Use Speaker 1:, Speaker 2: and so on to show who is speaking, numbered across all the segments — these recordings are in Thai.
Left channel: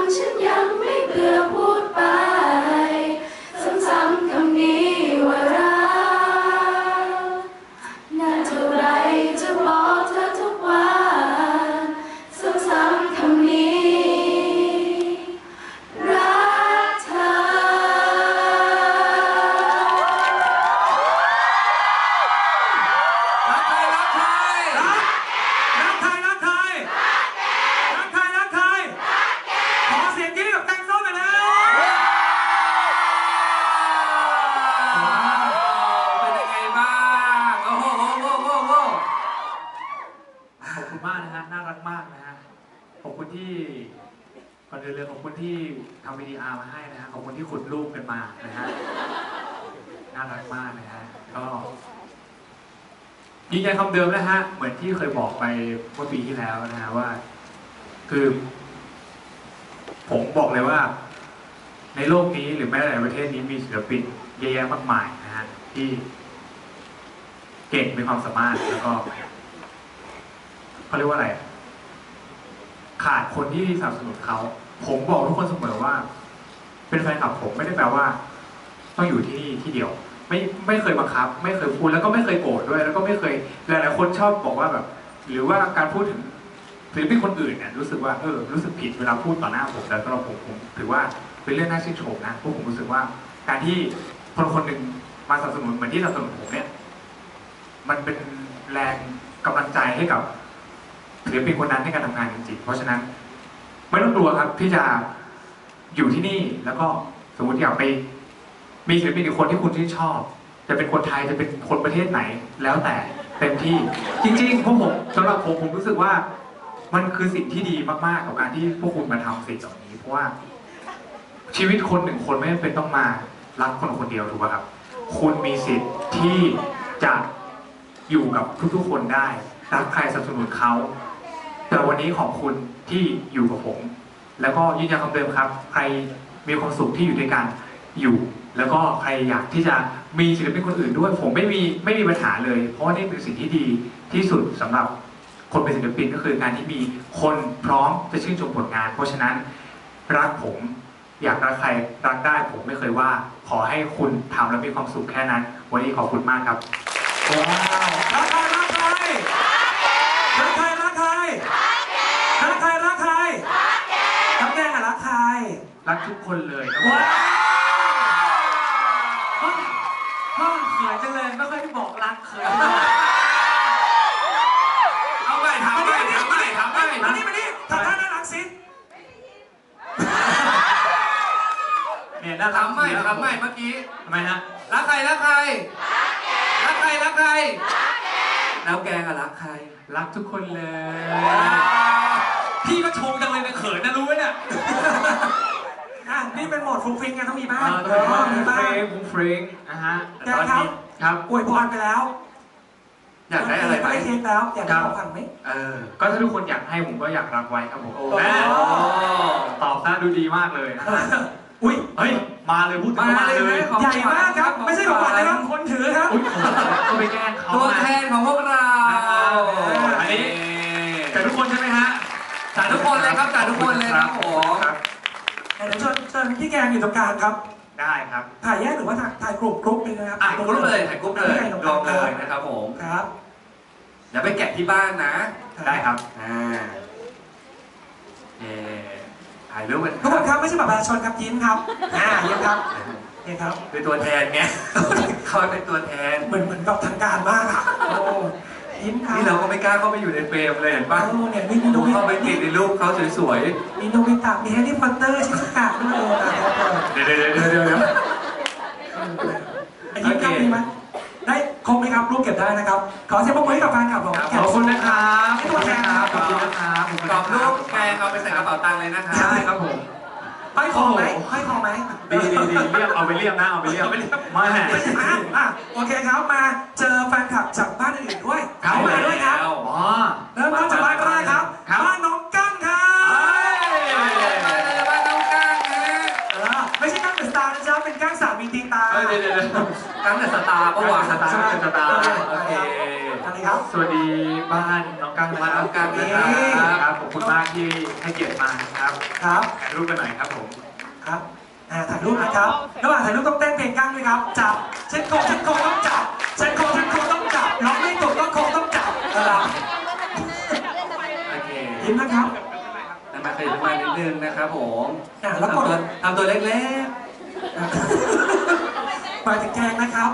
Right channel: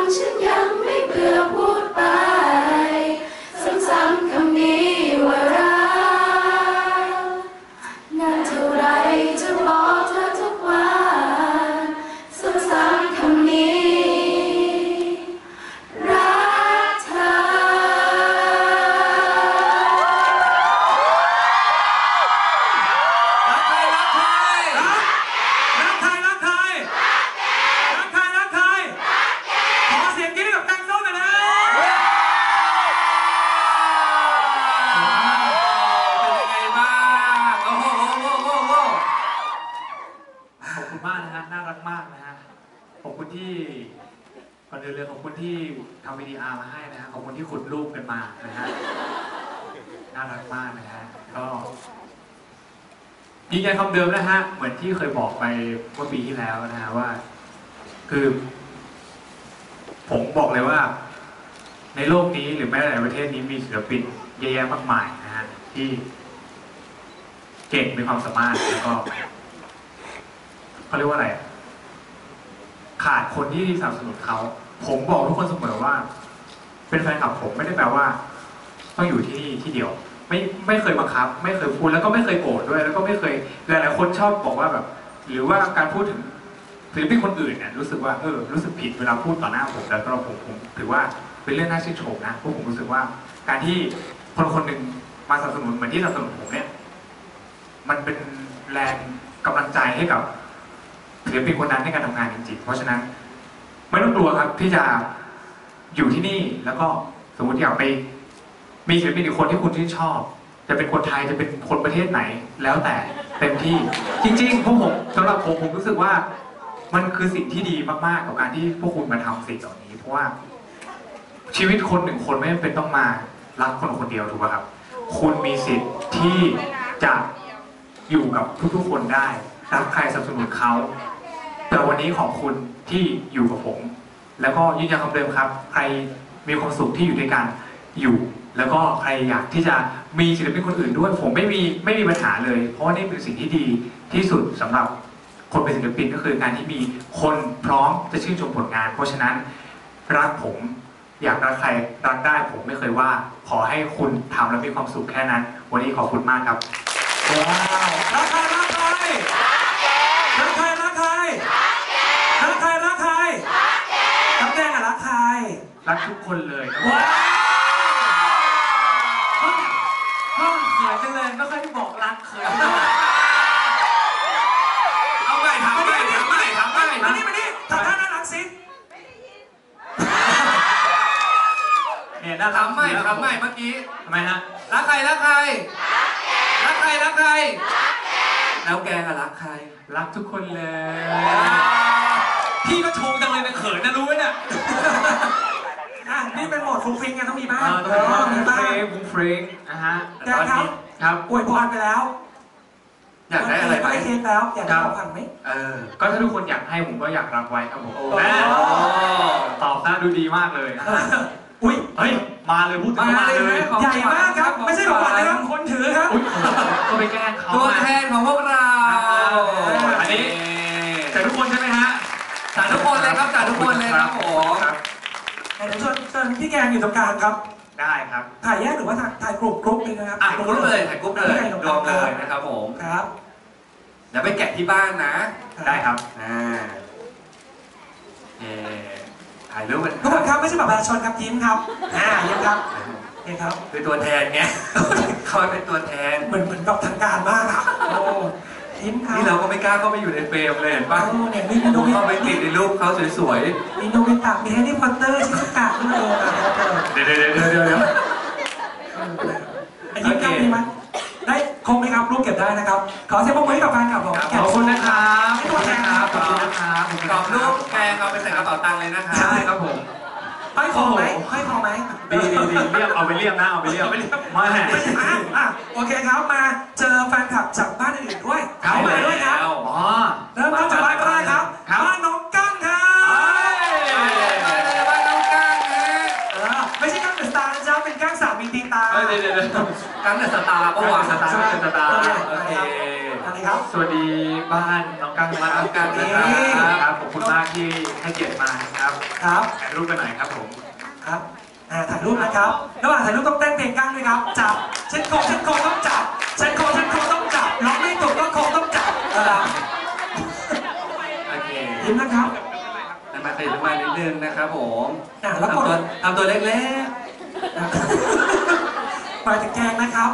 Speaker 1: ฉันยังไม่เบื่อพูดไปซ้ำๆคำนี้ว่ารักนานเท่าไรจะบอกเธอทุกวันซ้ำๆคำนี้รักเธอ
Speaker 2: ขอบคุณที่ก่อนอื่นเลยขอบคุณที่ทำ VDR มาให้นะฮะขอบคุณที่ขุดรูปกันมานะฮะน่ารักมากนะฮะก็ยืนยันคำเดิมนะฮะเหมือนที่เคยบอกไปเมื่อปีที่แล้วนะฮะว่าคือผมบอกเลยว่าในโลกนี้หรือแม้แต่ในประเทศนี้มีศิลปินเยอะแยะมากมายนะฮะที่เก่งมีความสามารถแล้วก็เขาเรียกว่าอะไรขาดคนที่สนับสนุนเขาผมบอกทุกคนเสมอว่าเป็นแฟนคลับผมไม่ได้แปลว่าต้องอยู่ที่นี่ที่เดียวไม่เคยบังคับไม่เคยพูดแล้วก็ไม่เคยโกรธด้วยแล้วก็ไม่เคยหลายๆคนชอบบอกว่าแบบหรือว่าการพูดถึงศิลปินคนอื่นเนี่ยรู้สึกว่ารู้สึกผิดเวลาพูดต่อหน้าผมแล้วก็ผมถือว่าเป็นเรื่องน่าชื่นชมนะเพราะผมรู้สึกว่าการที่คนคนหนึ่งมาสนับสนุนเหมือนที่สนับสนุนผมเนี่ยมันเป็นแรงกำลังใจให้กับศิลปินคนนั้นในการทำงานจริงๆเพราะฉะนั้นไม่ต้องกลัวครับที่จะอยู่ที่นี่แล้วก็สมมติอยากไปมีศิลปินอีกคนที่คุณชื่นชอบจะเป็นคนไทยจะเป็นคนประเทศไหนแล้วแต่เต็มที่จริงๆพวกผมสำหรับผมรู้สึกว่ามันคือสิ่งที่ดีมากๆกับการที่พวกคุณมาทำสิ่งเหล่านี้เพราะว่าชีวิตคนหนึ่งคนไม่จำเป็นต้องมารักคนคนเดียวถูกป่ะครับคุณมีสิทธิ์ที่จะอยู่กับทุกๆคนได้รักใครสนับสนุนเขาแต่วันนี้ขอบคุณที่อยู่กับผมแล้วก็ยืนยันคำเดิมครับใครมีความสุขที่อยู่ด้วยกันอยู่แล้วก็ใครอยากที่จะมีศิลปินคนอื่นด้วยผมไม่มีปัญหาเลยเพราะว่านี่เป็นสิ่งที่ดีที่สุดสำหรับคนเป็นศิลปินก็คือการที่มีคนพร้อมจะชื่นชมผลงานเพราะฉะนั้นรักผมอยากรักใครรักได้ผมไม่เคยว่าขอให้คุณทำแล้วมีความสุขแค่นั้นวันนี้ขอบคุณมากครับ
Speaker 3: ว้าวรักใครรักใครรักใครรักใครรักใครรักใครรักแดงอะรักใคร
Speaker 2: รักทุกคนเลยครับ
Speaker 3: ว้าวเขินจังเลยไม่ค่อยบอกรักเขินเอาไปถามไปมานี่ทำท่าน่ารักสิ
Speaker 2: เนี่ยน่ารัก
Speaker 3: ทำไม่เมื่อกี้
Speaker 2: ทำไมฮะ
Speaker 3: รักใครรักใครรักใครรักใครแล้วแกอะรักใคร
Speaker 2: รักทุกคนเลย
Speaker 3: พี่ก็ชมจังเลยนะเขินนะรู้ไหมเนี่ยนี่เป็นโหมดฟุ้งฟิ้งกันต้องมีบ้าง
Speaker 2: มีบ้างฟุ้งฟิ้งนะฮะ
Speaker 3: แกครับอวยพรไปแล้วอยากได้อะไรไปเค้กแล้วอยากได้ของขวัญไหม
Speaker 2: ก็ถ้าทุกคนอยากให้ผมก็อยากรับไว้ครับผมตอบซะดูดีมากเลย
Speaker 3: อุ้ย
Speaker 2: เฮ้ยมาเลยพูดถึงมาเลย
Speaker 3: ใหญ่มากครับไม่ใช่ของขวัญนะครับคนถือครับ
Speaker 2: ก็ไปแกล้งเขา
Speaker 3: ตัวแทนของพวกเรา
Speaker 2: อันนี้จากทุกคนใช่ไหมฮะ
Speaker 3: จากทุกคนเลยครับจากทุกคนเลยครับผมเดี๋ยวเชิญพี่แกงอยู่ตรงกลางครับ
Speaker 2: ได้ครับ
Speaker 3: ถ่ายแยกหรือว่าถ่ายกรุ๊ปนึงนะครับถ่ายกรุ๊ปเลยรวมเลยนะครับผมครับเดี๋ยวไปแกะที่บ้านนะ
Speaker 2: ได้ครับ
Speaker 3: ถ่ายรูปกันทุกคนครับไม่ใช่แบบประชาชนครับยิ้มครับยิ้มครับนี่ครับ
Speaker 2: เป็นตัวแทนไงเขาเป็นตัวแทน
Speaker 3: เหมือนกับทางการมากครับโอ้ยิ้มครับ
Speaker 2: นี่เราก็ไม่กล้าเข้าไปอยู่ในเฟรมเลยเห็นป่ะ
Speaker 3: เนี่ยมีโนบิ
Speaker 2: เข้าไปติดในรูปเขาสวย
Speaker 3: ๆมีโนบิตะมีแฮร์รี่พอตเตอร์ชิซุกะด้วย
Speaker 2: เดี๋ยว
Speaker 3: ยิ้มครับมีไหมได้ครบไหมครับรูปเก็บได้นะครับขอเสียงปรบมือให้กับแฟนคลับของ
Speaker 2: ขอบคุณนะครับ
Speaker 3: ขอบคุณนะครับ
Speaker 2: ขอบคุณนะครับ
Speaker 3: กรอบรูปแกเอาไปใส่กระเป๋าตังค์เลยนะครับ
Speaker 2: ใช่ครับผม
Speaker 3: ห้อยคอไหม
Speaker 2: ดีเรียบเอาไปเรียบนะเอาไปเรียบมา
Speaker 3: โอเคครับมาเจอแฟนคลับจากบ้านอื่นด้วยเขามาด้วยครับเริ่มต้นจากบ้านก็ได้ครับบ้านน้องกั้งครับบ้านน้องกั้งนะไม่ใช่กั้งเดอะสตาร์นะจ๊ะเป็นกั้งสามีตีตา
Speaker 2: กั้งเดอะสตาร์ปะวะ
Speaker 3: สตาร์
Speaker 2: โอเคสวัสดีบ้านน้องกั้งนะครับครับขอบคุณมากที่ให้เกียรติมาครับ
Speaker 3: ครับ
Speaker 2: ถ่ายรูปกันหน่อยครับผม
Speaker 3: ครับถ่ายรูปนะครับระหว่างถ่ายรูปต้องเต้นเพลงกั้งด้วยครับจับเช่นโคต้องจับเช่นโคต้องจับร้องไม่ถูกก็โคต้องจับนะครับ
Speaker 4: โอเค
Speaker 3: ยิ้มนะครับ
Speaker 4: มาตื่นมานิดนึงนะครับผม
Speaker 3: แล้วกด
Speaker 4: ทำตัวเล็ก
Speaker 3: ไปถึงแกงนะครับ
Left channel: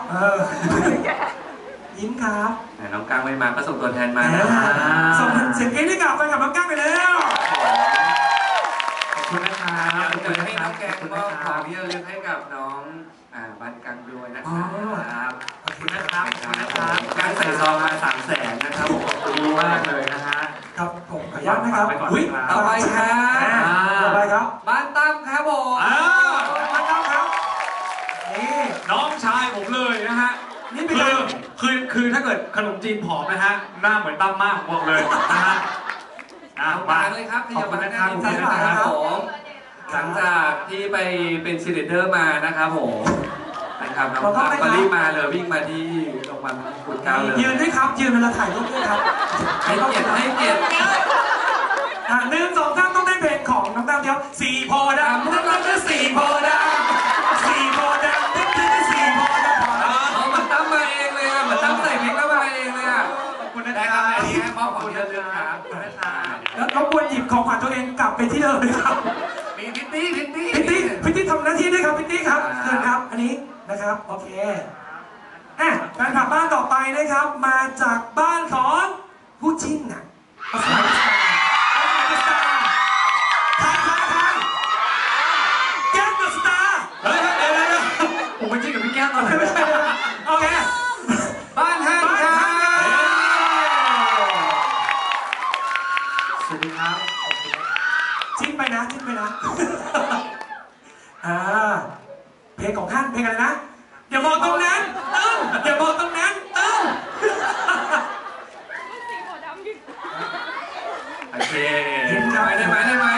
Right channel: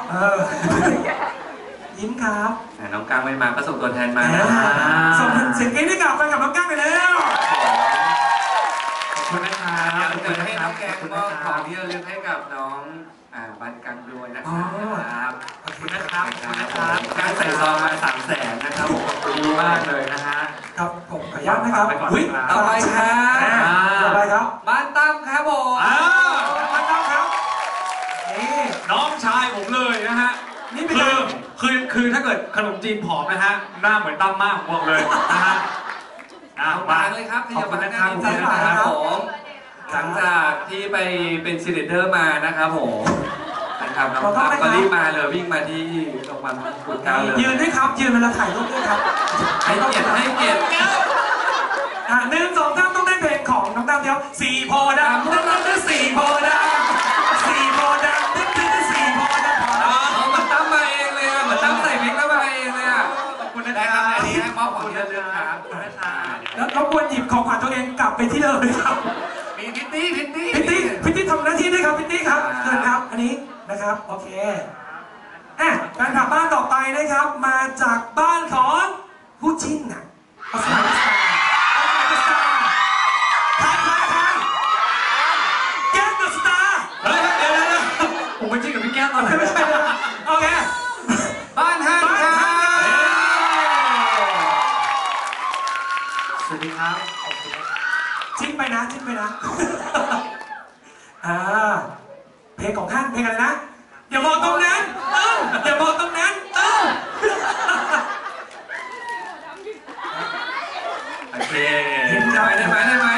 Speaker 3: ยิ้มครับ
Speaker 4: ๆน้องกังไม่มาก็ส่งตัวแทนมา
Speaker 3: ส่งเสียงกรี๊ดให้กับแฟนคลับน้องกั้งไปแล้ว
Speaker 2: ขอบคุณนะครับ
Speaker 4: เดี๋ยวให้น้องแกงก็ของที่ระลึกให้กับน้องบ้านกังด้วยนะครับ
Speaker 3: ขอบคุณนะครับ
Speaker 4: การใส่ซองมา300,000นะครับผม
Speaker 2: ขอบคุณมากเลยนะฮะ
Speaker 3: ครับผมขออนุญาตนะครับ
Speaker 4: ต่อไปครับ
Speaker 3: ต่อไปครับ
Speaker 4: บ้านตั้มครับผม
Speaker 3: มาครับครับนี่
Speaker 2: น้องชายผมเลยนะฮะ
Speaker 3: นี่เป็น
Speaker 2: คือถ้าเกิดขนมจีนผอมนะฮะหน้าเหมือนตั้มมากผมบอกเลยนะฮะ
Speaker 4: มาเลยครับที่จะมาให้การดีใจนะครับผมหลังจากที่ไปเป็นชีเลเดอร์มานะครับผมนะครับน้องตั้มก็รีบมาเลยวิ่งมาที่โรงพยาบาลขุนเกล้าเลย
Speaker 3: ยืนด้วยครับยืนเวลาถ่ายรูปด้วยครับ
Speaker 4: ให้เกียรติ
Speaker 3: 1 2 3ต้องได้เพลงของน้องตั้มเดียวสี่โพธิ์ดำนั่นคือสี่โพธิ์ดำสี่โพธิ์ดำนั่นคือสี่โพธิ์ดำ
Speaker 4: เหมือนตั้มมาเองเลยอ่ะเหมือนตั้มใส่วิกแล้วมาเองเลยอ่ะขอบคุณนะครับอันนี้ให้มอบของที่ระลึกครับ
Speaker 3: แล้วรบกวนหยิบของขวัญตัวเองกลับไปที่เดิมเลยครับ
Speaker 4: มีพิตตี้
Speaker 3: พิตตี้ทำหน้าที่ด้วยครับพิตตี้ครับเชิญครับอันนี้นะครับโอเคแฟนคลับบ้านต่อไปนะครับมาจากบ้านของผู้จิ้นน่ะภาษาไทยแก้มเดอะสตาร์
Speaker 2: เดี๋ยวผมไปจิ้นกับพี่แก้วตอนไหน
Speaker 3: ไม่ใช่โอเค
Speaker 4: บ้านฮันครับ
Speaker 2: สวัสดีครับขอบคุณ
Speaker 3: จิ้มไปนะเพลงของท่านเพลงอะไรนะอย่ามองตรงนั้นอย่ามองตรงนั้น
Speaker 2: โอเค
Speaker 4: ได้ไหม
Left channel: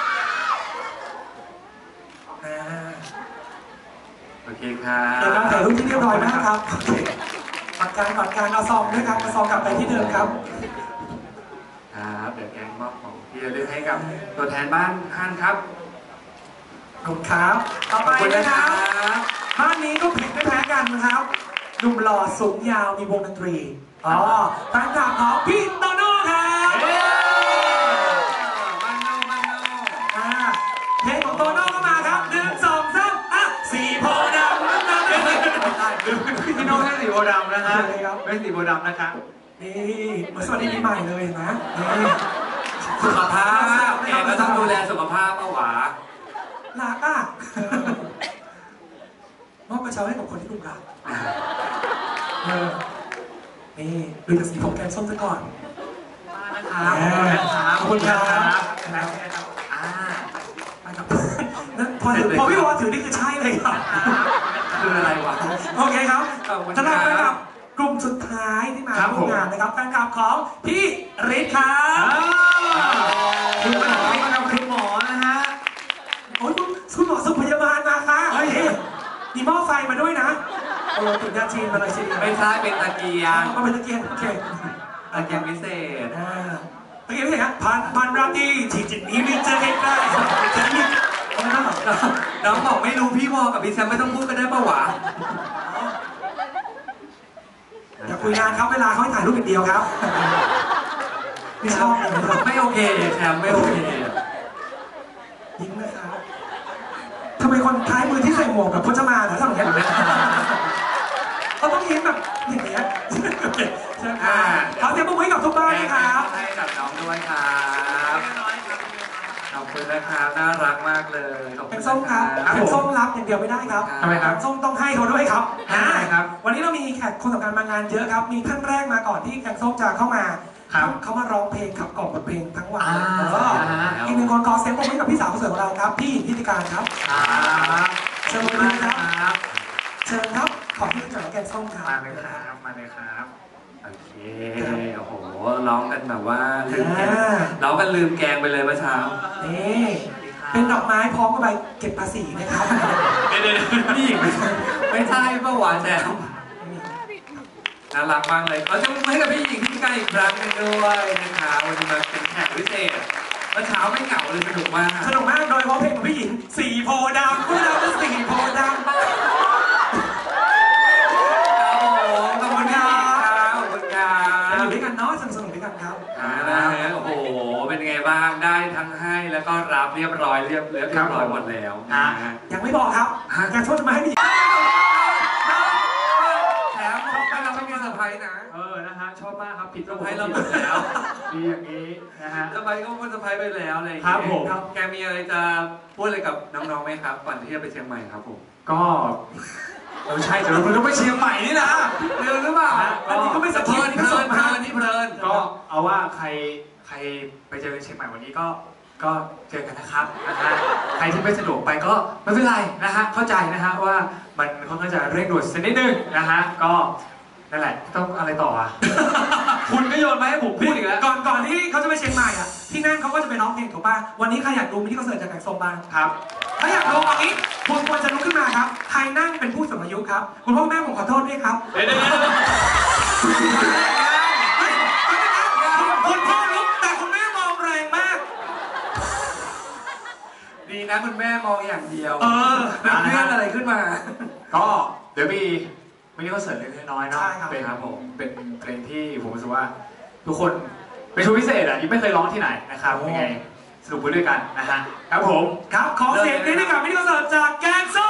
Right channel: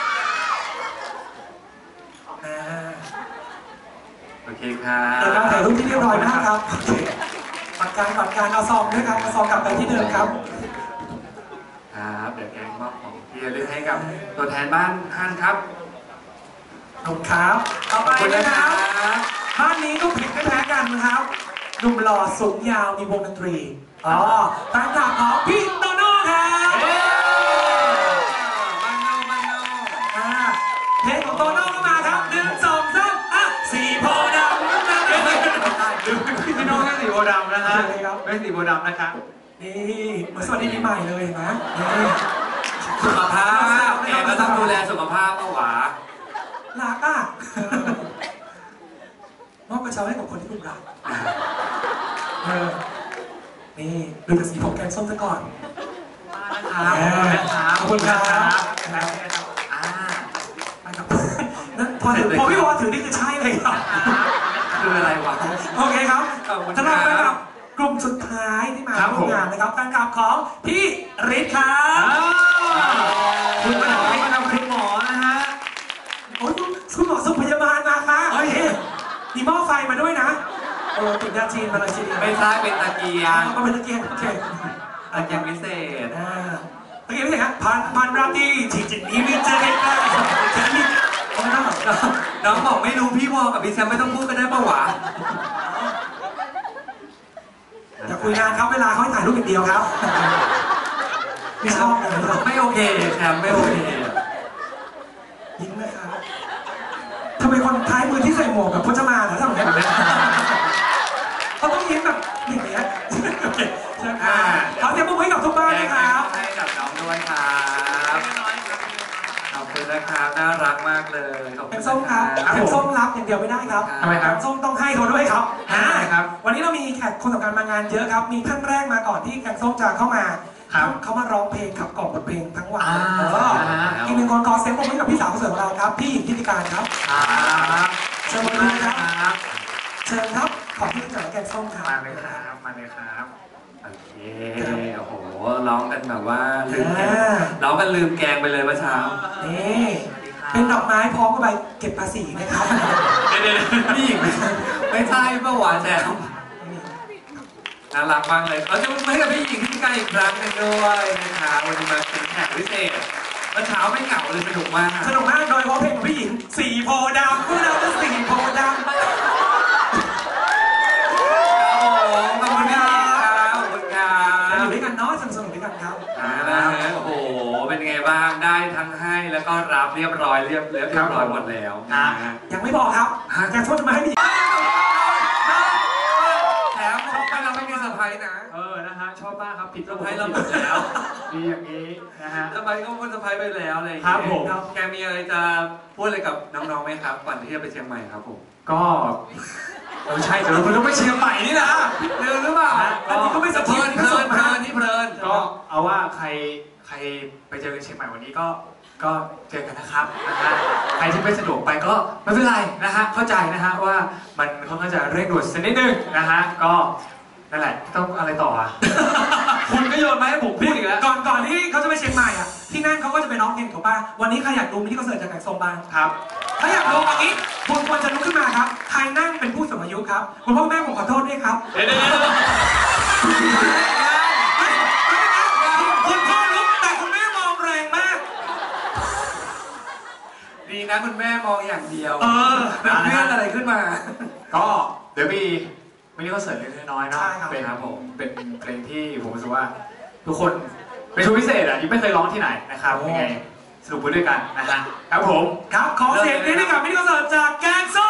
Speaker 4: โอเคครับ
Speaker 3: เดี๋ยวเราถ่ายรูปที่เรียบร้อยนะครับโอเคปัดการเอาซองด้วยครับเอาซองกลับไปที่เดิมครับ
Speaker 4: ครับเดี๋ยวแกงมอบของที่ระลึกให้กับตัวแทนบ้านฮันครับ
Speaker 3: ขอบคุณครับต่อไปนะครับบ้านนี้ก็ผิดไม่แพ้กันนะครับหนุ่มหล่อสูงยาวมีวงดนตรีแฟนคลับของพี่โตโน่ครับเพลงของโตโน่ก็มาครับ1 2 3สี่โพธิ์ดำนั่นเอง
Speaker 2: พี่น้องแค่สีโบดำนะฮะไม่สีโบดำนะครับ
Speaker 3: นี่เหมือนสวัสดีปีใหม่เลยนะนี่
Speaker 4: สุขภาพแกก็ต้องดูแลสุขภาพเอาหวา
Speaker 3: รักมอบกระเช้าให้กับคนที่คุณรักนี่ดูจากสีผมแกงส้มซะก่อนขอบคุณครับพอพี่วอถือนี่คือใช่เลยครับ
Speaker 4: คืออะไรวะ
Speaker 3: โอเคครับสำหรับแฟนคลับกลุ่มสุดท้ายที่มาร่วมงานนะครับแฟนคลับของพี่ฤทธิ์ครับ
Speaker 2: คุณหมอมาทำคุณหมอนะฮะ
Speaker 3: โอ้ยคุณหมอสุขพยาบาลมาค่ะมีหม้อไฟมาด้วยนะถึงยาจีนมาเลยทีเดียว
Speaker 4: ไม่ใช่เป็นตะเกียง
Speaker 3: ก็เป็นตะเกียงโอเค
Speaker 4: ตะเกียงพิเศษ
Speaker 3: ตะเกียงพิเศษครับพันราตรีที่จะนี้ไม่เจอใกล้ๆจะนี้
Speaker 4: น้องบอกไม่รู้พี่วอกับพี่แซมไม่ต้องพูดกันได้ปะวะ
Speaker 3: อย่าคุยงานครับเวลาเขาให้ถ่ายรูปอย่างเดียวครับไม่ชอบเลย
Speaker 4: ไม่โอเคแซมไม่โอเค
Speaker 3: ยิ้มนะครับทำไมคนท้ายมือที่ใส่หมวกกับพจมานเหรอทำอย่างนี้เขาต้องยิ้มแบบอย่างเงี้ยใช่ค่ะเขาเตรียมมือให้กับทุกบ้านนะครับ
Speaker 4: ให้กับน้องด้วยครับขอบคุณนะครับน่ารักมากเลย
Speaker 3: เป็นส้มครับเป็นส้มรับอย่างเดียวไม่ได้ครับ
Speaker 2: ทำไมครับ
Speaker 3: ส้มต้องให้เขาด้วยครับ
Speaker 2: ครับ
Speaker 3: วันนี้เรามีแขกคนสำคัญมางานเยอะครับมีท่านแรกมาก่อนที่แกงส้มจะเข้ามาเขามาร้องเพลงขับกล่อมบทเพลงทั้งวันอีกหนึ่งคนขอเสียงปรบมือให้กับพี่สาวคนสวยของเราครับพี่หญิงทิติการครับเชิญเลยครับเชิญครับขอบคุณที่แกงส้มครับ
Speaker 2: มาเลยครับ
Speaker 4: โอเคโอ้โหร้องกันแบบว่าร้องกันลืมแกงไปเลยเมื่อเช้า
Speaker 3: นี่เป็นดอกไม้พร้อมกับใบเก็บภาษีนะครับ
Speaker 4: เดี๋ยวพี่หญิงไม่ใช่เมื่อวานแซมน่ารักมากเลยเราจะมาให้กับพี่หญิงที่การอีกครั้งหนึงด้วยนะคะวันนี้มาเป็นแขกพิเศษเมื่อเช้าไม่เหงาเลยสนุกมาก
Speaker 3: สนุกมากโดยเฉพาะเพลงของพี่หญิงสีโพธิ์ดำพวกเราก็สีโพธิ์ดำ
Speaker 4: ขอบคุณครับขอบคุณครับ
Speaker 3: อยู่ด้วยกันเนาะสนุกด้วยกันครับ
Speaker 4: โอ้โหเป็นไงบ้างได้ทั้งให้แล้วก็รับเรียบร้อยหมดแล้วนะ
Speaker 3: ยังไม่บอกครับยังโทษจะมาให้พี่หญิง
Speaker 4: แถมชอบไปเราไม่มีเซอร์ไพรส์นะ
Speaker 2: นะฮะชอบมากครับผิด
Speaker 4: เซอร์ไพรส์เราหมดแล้ว
Speaker 2: ดีอย่างนี้นะฮะ
Speaker 4: เซอร์ไพรส์ก็เซอร์ไพรส์ไปแล้วอะไรอย่าง
Speaker 2: ครั
Speaker 4: เงี้
Speaker 2: บผม
Speaker 4: แกมีอะไรจะพูดอะไรกับน้องๆไหมครับก่อนที่จะไปเชียงใหม่ครับผม
Speaker 2: ก็ใช่เดี๋ยวเราต้องไปเชียงใหม่นี่นะ
Speaker 4: เร็วหรือเปล่า
Speaker 3: อันนี้ก็ไม่สะ
Speaker 4: เพ
Speaker 3: เทื
Speaker 4: ลิ
Speaker 3: อน
Speaker 4: นเพลินเพลินนี่เพลิน
Speaker 2: ก็เอาว่าใครไปเจอกันเชียงใหม่วันนี้ก็เจอกันนะครับนะฮะใครที่ไม่สะดวกไปก็ไม่เป็นไรนะฮะเข้าใจนะฮะว่ามันค่อนข้างจะเร่งด่วนสักนิดนึงนะฮะก็นั่นแหละต้องอะไรต่ออ่ะ คุณก็โยนมาให้ผมพูดอีกแล้ว
Speaker 3: ก่อนที่เขาจะไปเชียงใหม่อ่ะที่นั่นเขาก็จะไปร้องเพลงถูกป่ะวันนี้ใครอยากดูมินิคอนเสิร์ตจากแกงส้มบ้าง
Speaker 2: ครับ
Speaker 3: ถ้าอยากดูอันนี้คุณควรจะลุกขึ้นมาครับใครนั่งเป็นผู้สูงอายุครับคุณพ่อแม่ผมขอโทษด้วยครับ
Speaker 2: เดี๋ยว
Speaker 3: คุณพ่อลุกแต่คุณแม่มองแรงมาก
Speaker 4: ดีนะคุณแม่มองอย่างเดียว
Speaker 3: แบบ
Speaker 4: เลื่อนอะไรขึ้นมา
Speaker 2: ก็เดี๋ยวมีมินิคอนเสิร์ตเล็กๆน้อยๆเนาะ
Speaker 3: ใช่ครับ
Speaker 2: เป็นเป็นเพลงที่ผมรู้สึกว่า ทุกคนเป็นโชว์พิเศษอ่ะยังไม่เคยร้องที่ไหนนะครับยังไงสนุกไปด้วยกันนะฮะครับผม
Speaker 3: ครับขอเสียงนี้ให้กับมินิคอนเสิร์ตจากแกงส้ม